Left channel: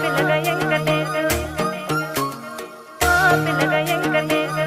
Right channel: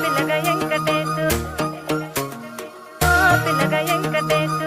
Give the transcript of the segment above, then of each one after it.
పిల్లగ వెంకటేశు ఓ పిల్లగ వెంకటేశు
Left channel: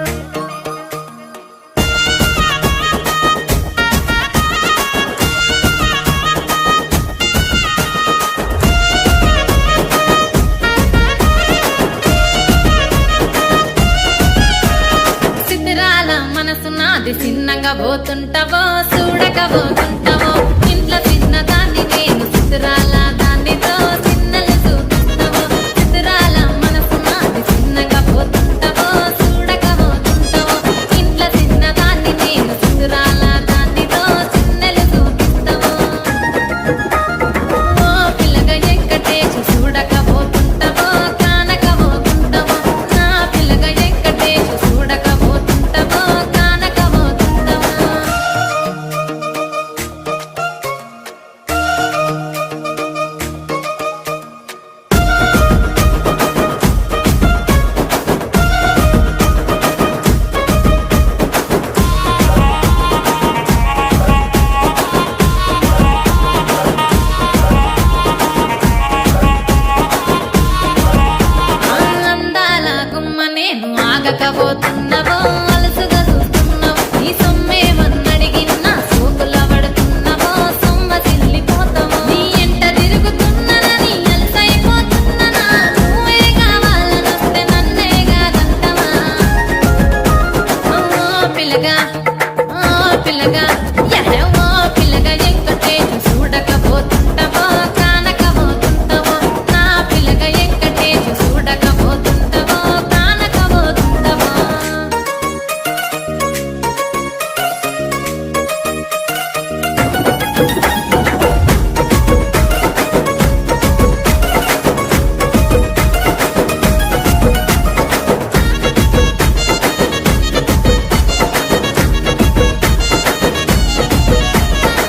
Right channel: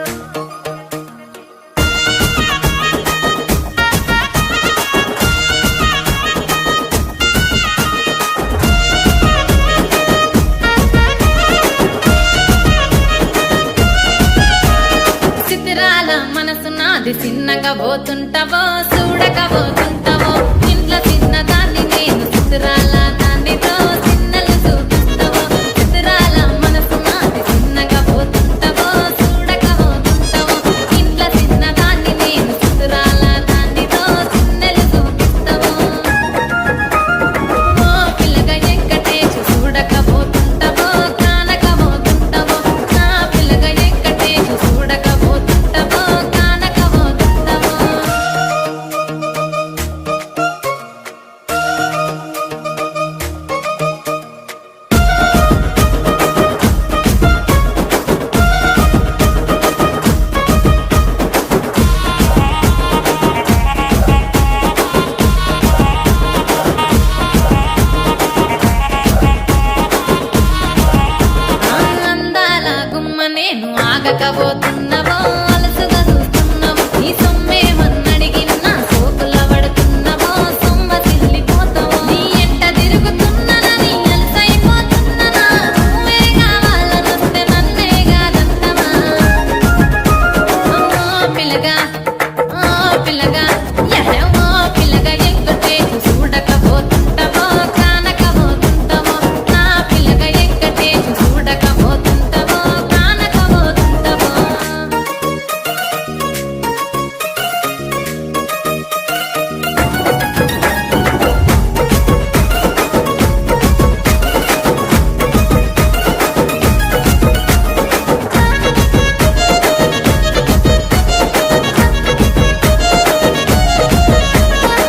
సిద్ధిరాల మనసు నాది చిన్నగా పోతుంటావో చూడక పోతుంటావో ఇంట్లో చిన్నదాన్ని నేను సిద్ధిరాల దానితో చిన్నలు చూపిస్తావో సిద్ధిరాల మనసు నాది చిన్నగా పోతుంటావో చూడక పోతుంటావో ఇంట్లో చిన్నదాన్ని నేను సిద్ధిరాల దానితో చిన్నలు చూపిస్తావో ఓ పిల్లగా వెంకటేశు చూడక పోతుంటావో కానక పోతుంటావో నా పిల్లగా వెంకటేశు చూడక పోతుంటావో కానక పోతుంటావో అందాల గుమ్మ నేను ఆగకపోతున్నావో అలసుగా చూస్తున్నావో నీ సొమ్మేమన్నడిగిన్నా సోకుల పడుతున్నావో సొమ్మ సిల్లిపోతావో నీ ఎంట తిరుగుతున్నానని అలసైపోతున్నానా నువ్వే కావాలనొస్తే నన్నే కాదంటవా ఓ పిల్లగా ఓ పిల్లగా ఓ పిల్లగా వెంకటేశు చూడకపోతుంటావో కానకపోతుంటావో నా పిల్లగా వెంకటేశు చూడకపోతుంటావో కానకపోతుంటావో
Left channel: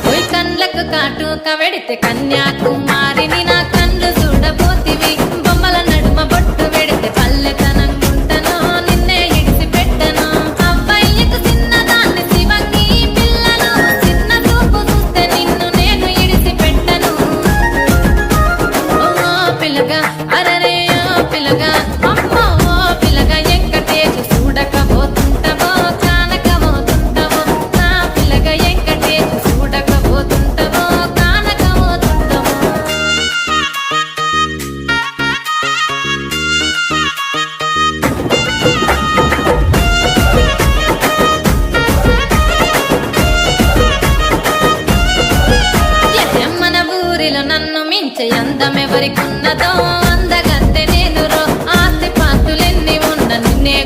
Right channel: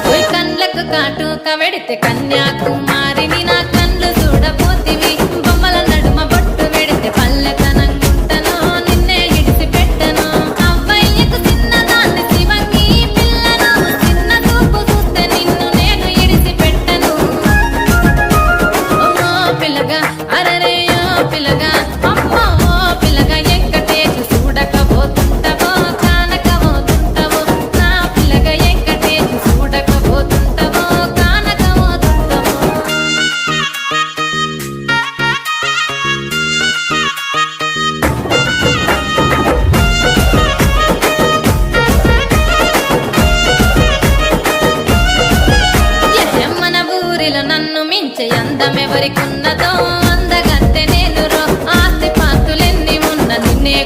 ఓయ్ కండ్లకు కాటుక వెడితే కన్యాకుమారిని నా కండ్లు చూడపోతివి బొమ్మల నడుమ బొట్టు వెడితే పల్లెతనంగుంటను నిన్నే ఇడిసి పెట్టను అవ్వయ్యకు చిన్నదాన్ని శివంగి పిల్లను చిన్న చూపు చూస్తే నిన్ను నేను ఇడిసి పెట్టను ఓ పిల్లగా అరరే ఓ పిల్లగా అమ్మో ఓ పిల్లగా వెంకటేశు చూడకపోతుంటావో కానకపోతుంటావో నా పిల్లగా వెంకటేశు చూడకపోతుంటావో కానకపోతుంటావో మన ఊరిలో నన్ను మించే అందమెవరికున్నదో అందగత్తె నేను రో ఆస్తి పాస్తులెన్ని ఉన్న నిన్నే